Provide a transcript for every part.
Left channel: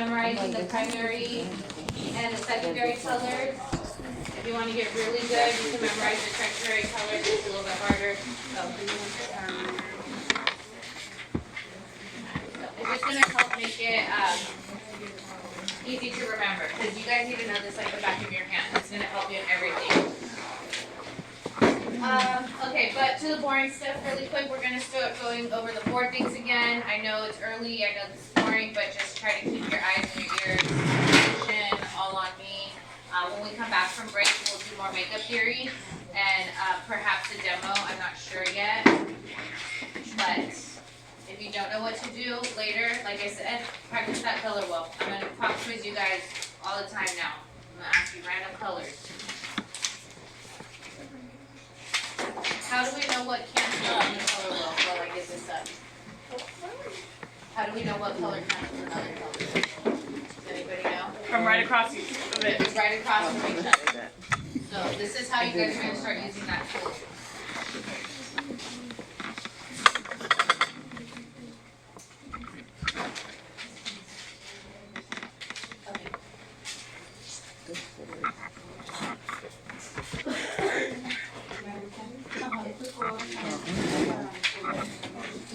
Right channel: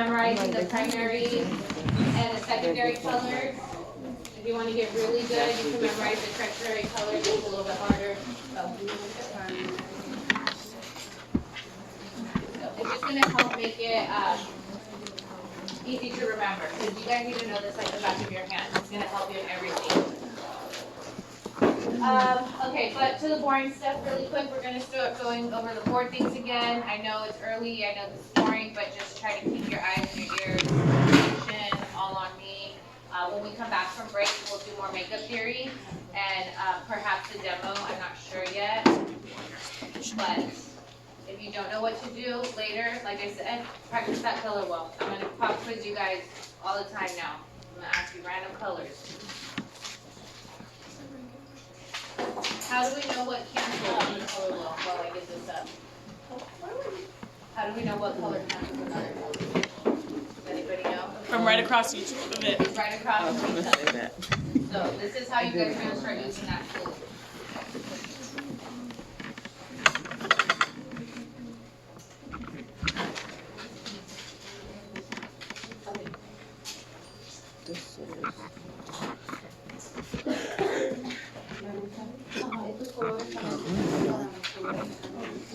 memorizing the primary and the secondary colors. If you want to get really good, you can memorize the tertiary colors. It's a little bit harder. It's just going to help make it easy to remember, because you guys need to know this like the back of your hand. It's going to help you in everything. Okay, but to the boring stuff really quick, we're going to start going over the board things again. I know it's early, I know this is boring, but just try to keep your eyes and your ears, attention, all on me. When we come back from break, we'll do more makeup theory and perhaps a demo. I'm not sure yet. But if you don't know what to do later, like I said, practice that color wall. I'm going to pop quiz you guys all the time now. I'm going to ask you random colors. How do we know what cancels on the color wall while I get this up? How do we know what color cancels another color? Does anybody know? From right across each one of it. It's right across from each other. So this is how you guys are going to start using that tool.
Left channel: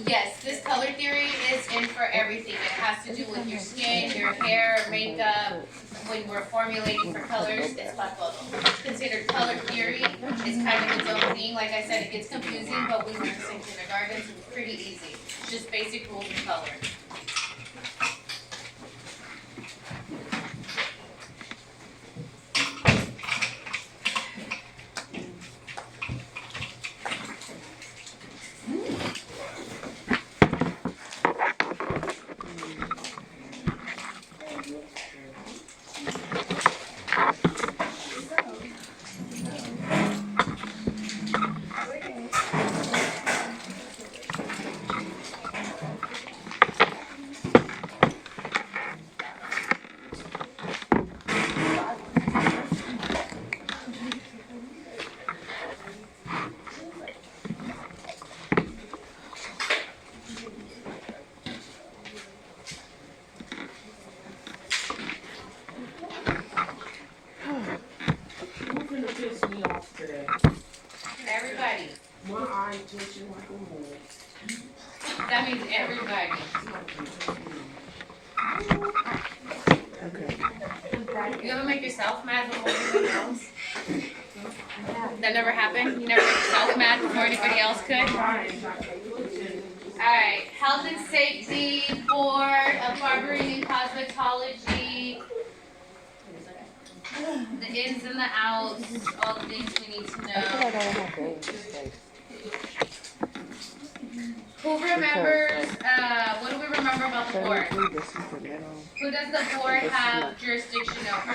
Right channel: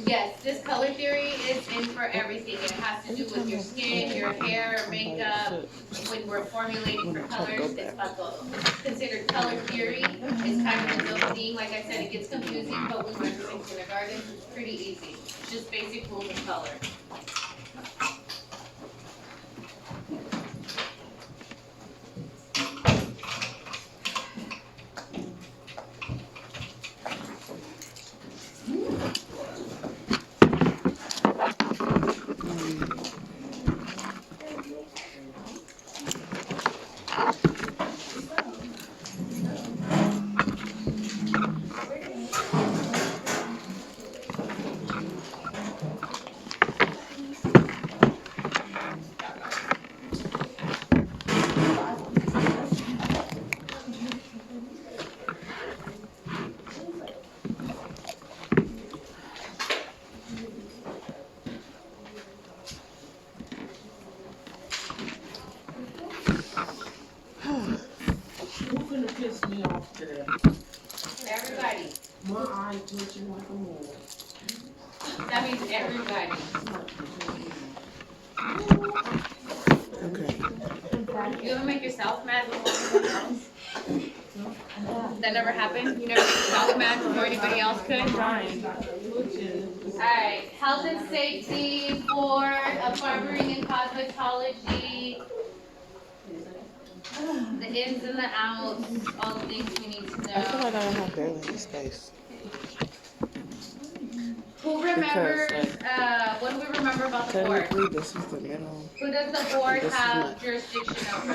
Yes, this color theory is in for everything. It has to do with your skin, your hair, makeup. When we're formulating for colors, it's considered color theory. It's kind of its own thing. Like I said, it gets confusing, but we learn this in kindergarten. It's pretty easy. It's just basic rules of color. Everybody. That means everybody. You ever make yourself mad before anybody else? That never happened? You never made yourself mad before anybody else could? Alright, health and safety, board of barbering and cosmetology. The ins and the outs, all the things we need to know. I feel like I don't have balance space. Who remembers, what do we remember about the board? This is the middle. Who does the board have jurisdiction over?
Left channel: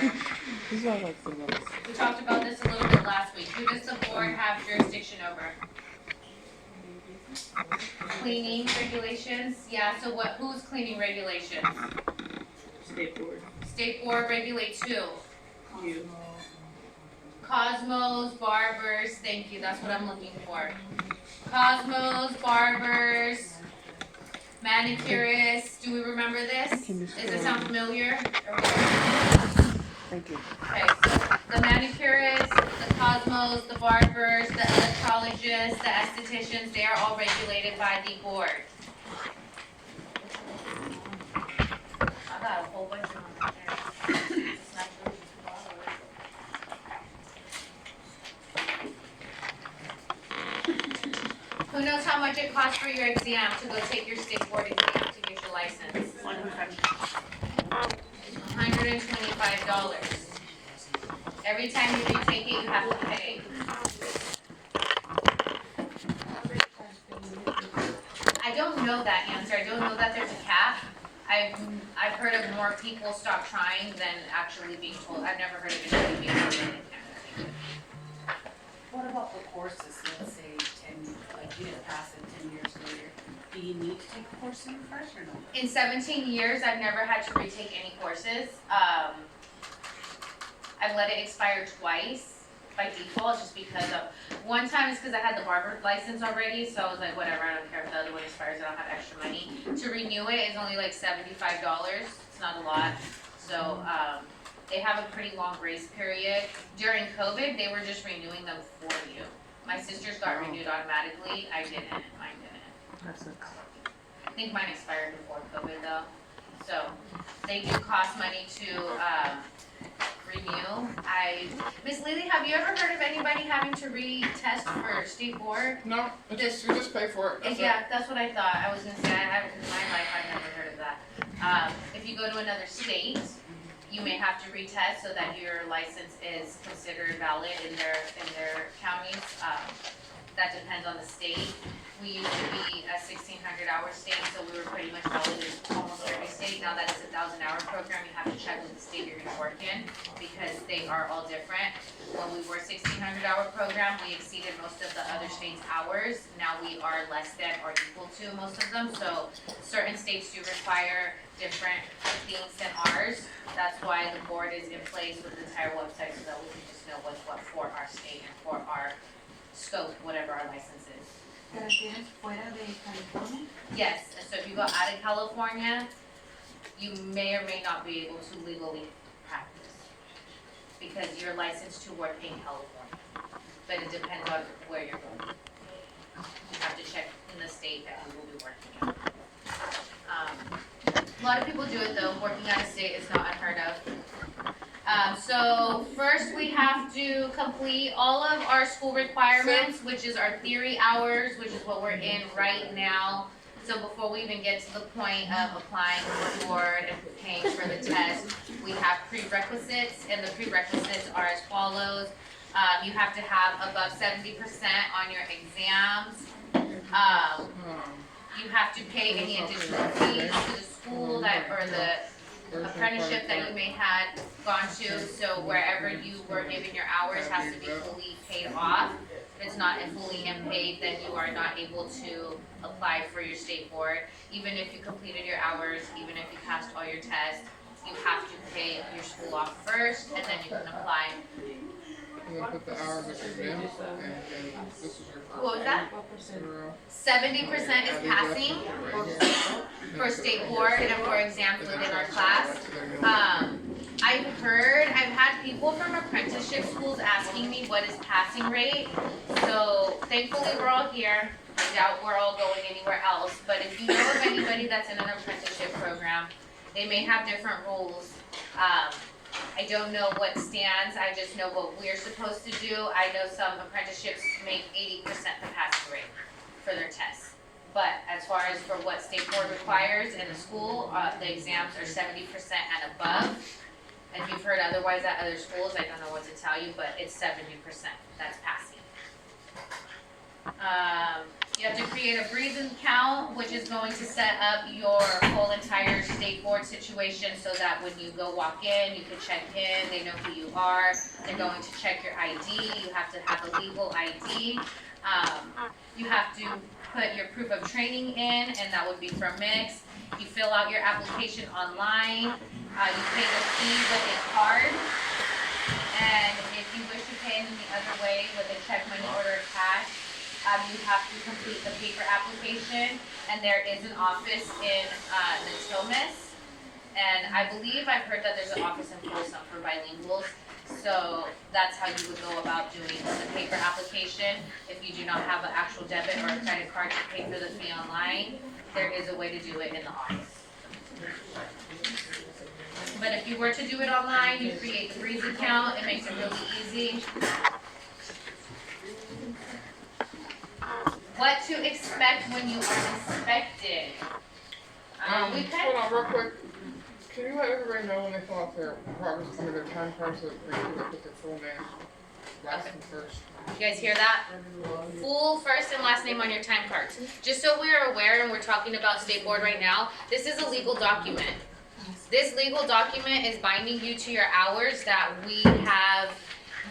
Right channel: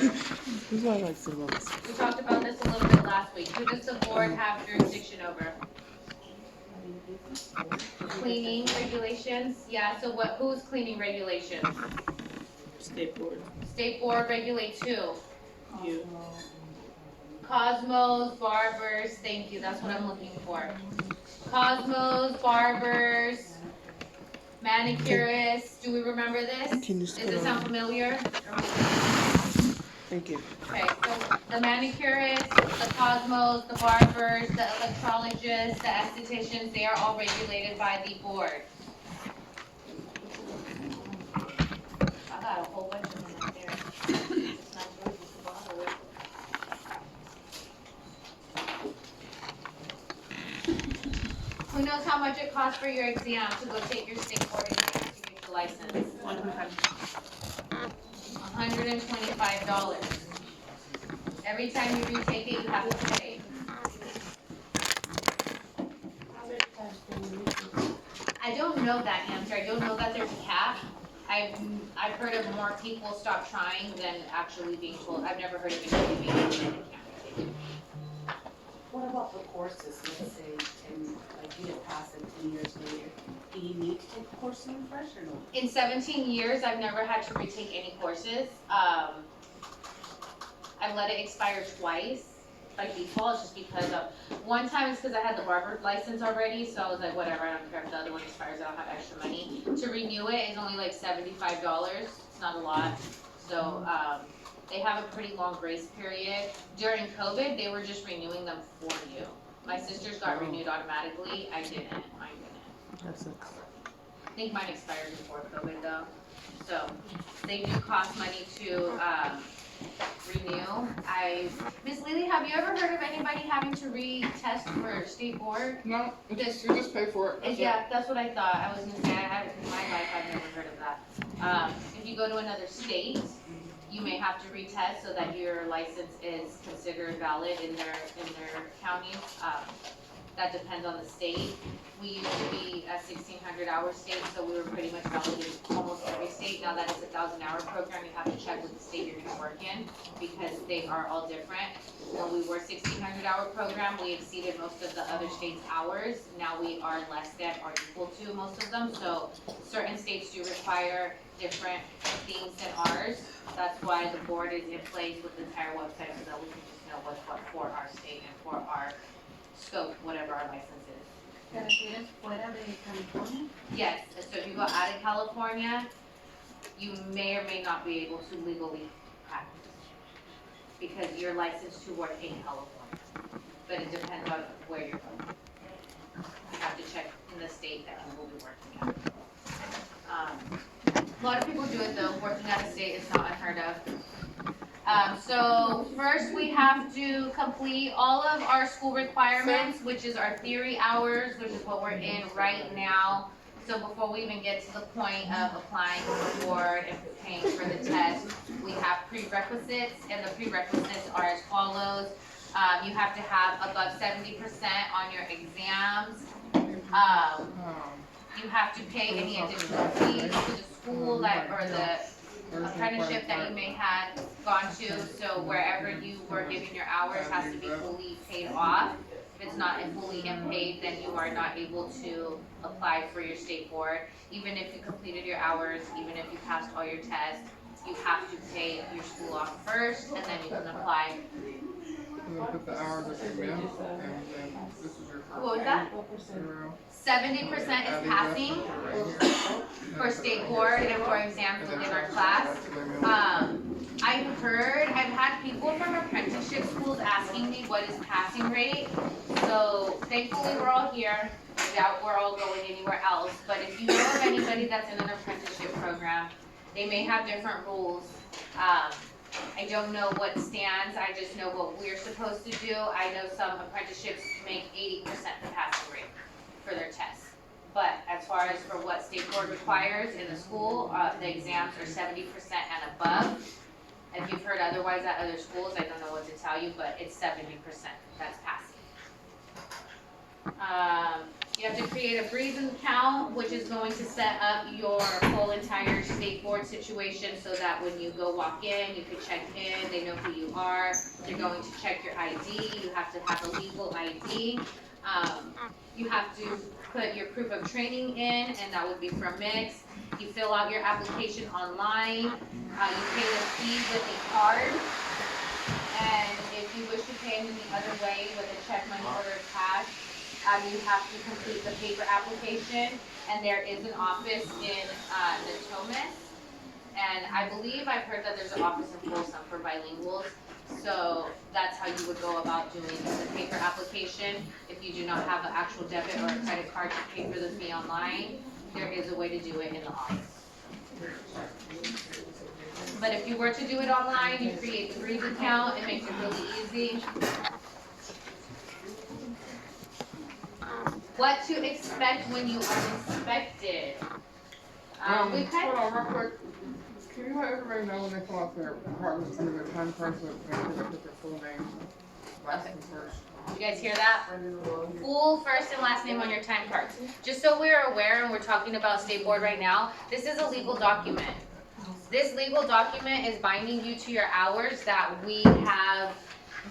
These are like the ones. We talked about this a little bit last week. Who does the board have jurisdiction over? Cleaning regulations? Yeah, so who's cleaning regulations? State board. State board regulates who? You. Cosmos, barbers, thank you, that's what I'm looking for. Cosmos, barbers, manicurists, do we remember this? Does it sound familiar? Thank you. Okay, so the manicurists, the cosmos, the barbers, the electrologists, the estheticians, they are all regulated by the board. I got a whole bunch of them out there. It's not true. Who knows how much it costs for your exam to go take your state board exam to get your license? $125. Every time you retake it, you have to pay. I don't know that answer. I don't know that there's a cap. I've heard of more people stop trying than actually being told. I've never heard of anybody being told they can't take it. What about the courses, let's say 10, like you didn't pass it 10 years later, do you need to take a course to refresh or no? In 17 years, I've never had to retake any courses. I've let it expire twice. by default, just because of, one time it's because I had the barber license already, so I was like, whatever, I don't care if the other one expires, I don't have extra money. To renew it is only like $75, it's not a lot, so, they have a pretty long grace period. During COVID, they were just renewing them for you. My sister's got renewed automatically, I didn't, mine didn't. That's it. I think mine expired before COVID though, so they do cost money to, renew. Miss Lily, have you ever heard of anybody having to retest for state board? No, you just pay for it. That's it. Yeah, that's what I thought, I was gonna say, I haven't, in my life, I've never heard of that. If you go to another state, you may have to retest so that your license is considered valid in their counties. That depends on the state. We used to be a 1,600-hour state, so we were pretty much valid in almost every state. Now that it's a 1,000-hour program, you have to check with the state you're gonna work in, because they are all different. When we were 1,600-hour program, we exceeded most of the other states' hours. Now we are less than or equal to most of them, so certain states do require different things than ours. That's why the board is in place with the entire website, so that we can just know what's what for our state and for our scope, whatever our license is. ¿Te refieres fuera de California? Yes, so if you go out of California, you may or may not be able to legally practice, because you're licensed to work in California, but it depends on where you're going. You have to check in the state that you will be working at. A lot of people do it though, working out of state is not unheard of. So first we have to complete all of our school requirements, which is our theory hours, which is what we're in right now. So before we even get to the point of applying for the board and paying for the test, we have prerequisites, and the prerequisites are as follows. You have to have above 70% on your exams. You have to pay any additional fees to the school that, or the apprenticeship that you may have gone to, so wherever you were given your hours has to be fully paid off. If it's not fully unpaid, then you are not able to apply for your state board. Even if you completed your hours, even if you passed all your tests, you have to pay your school off first, and then you can apply. And then put the hours of your mail, and this is your. What was that? 70% is passing for state board and for exams within our class. I've had people from apprenticeship schools asking me what is passing rate. So thankfully we're all here. I doubt we're all going anywhere else. But if you know of anybody that's in an apprenticeship program, they may have different rules. I don't know what stands, I just know what we're supposed to do. I know some apprenticeships make 80% the passing rate for their tests. But as far as for what state board requires in the school, the exams are 70% and above. If you've heard otherwise at other schools, I don't know what to tell you, but it's 70% that's passing. You have to create a Breezen account, which is going to set up your whole entire state board situation so that when you go walk in, you can check in, they know who you are. They're going to check your ID, you have to have a legal ID. You have to put your proof of training in, and that would be from Mix. You fill out your application online, you pay the fee with a card, and if you wish to pay in the other way with a check, money order, cash, you have to complete the paper application, and there is an office in Natomas, and I believe I've heard that there's an office in Folsom for bilinguals. So that's how you would go about doing the paper application. If you do not have an actual debit or a credit card to pay for the fee online, there is a way to do it in the office. But if you were to do it online, you create the Breeze account, it makes it really easy. What to expect when you are inspected. Hold on real quick. Can you let everybody know when they fill out their progress under their time cards that they can put their full name, last and first? You guys hear that? Full first and last name on your time cards. Just so we're aware, and we're talking about state board right now, this is a legal document. This legal document is binding you to your hours that we have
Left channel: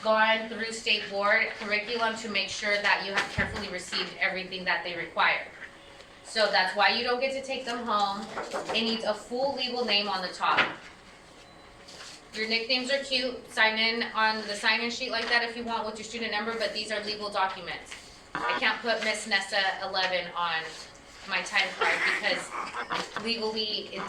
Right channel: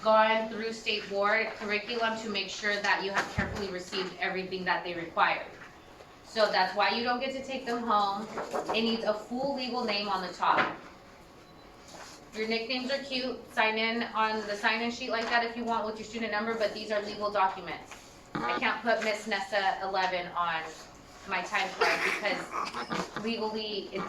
gone through state board curriculum to make sure that you have carefully received everything that they require. So that's why you don't get to take them home. It needs a full legal name on the top. Your nicknames are cute, sign in on the sign-in sheet like that if you want with your student number, but these are legal documents. I can't put Miss Nessa 11 on my time card because legally it's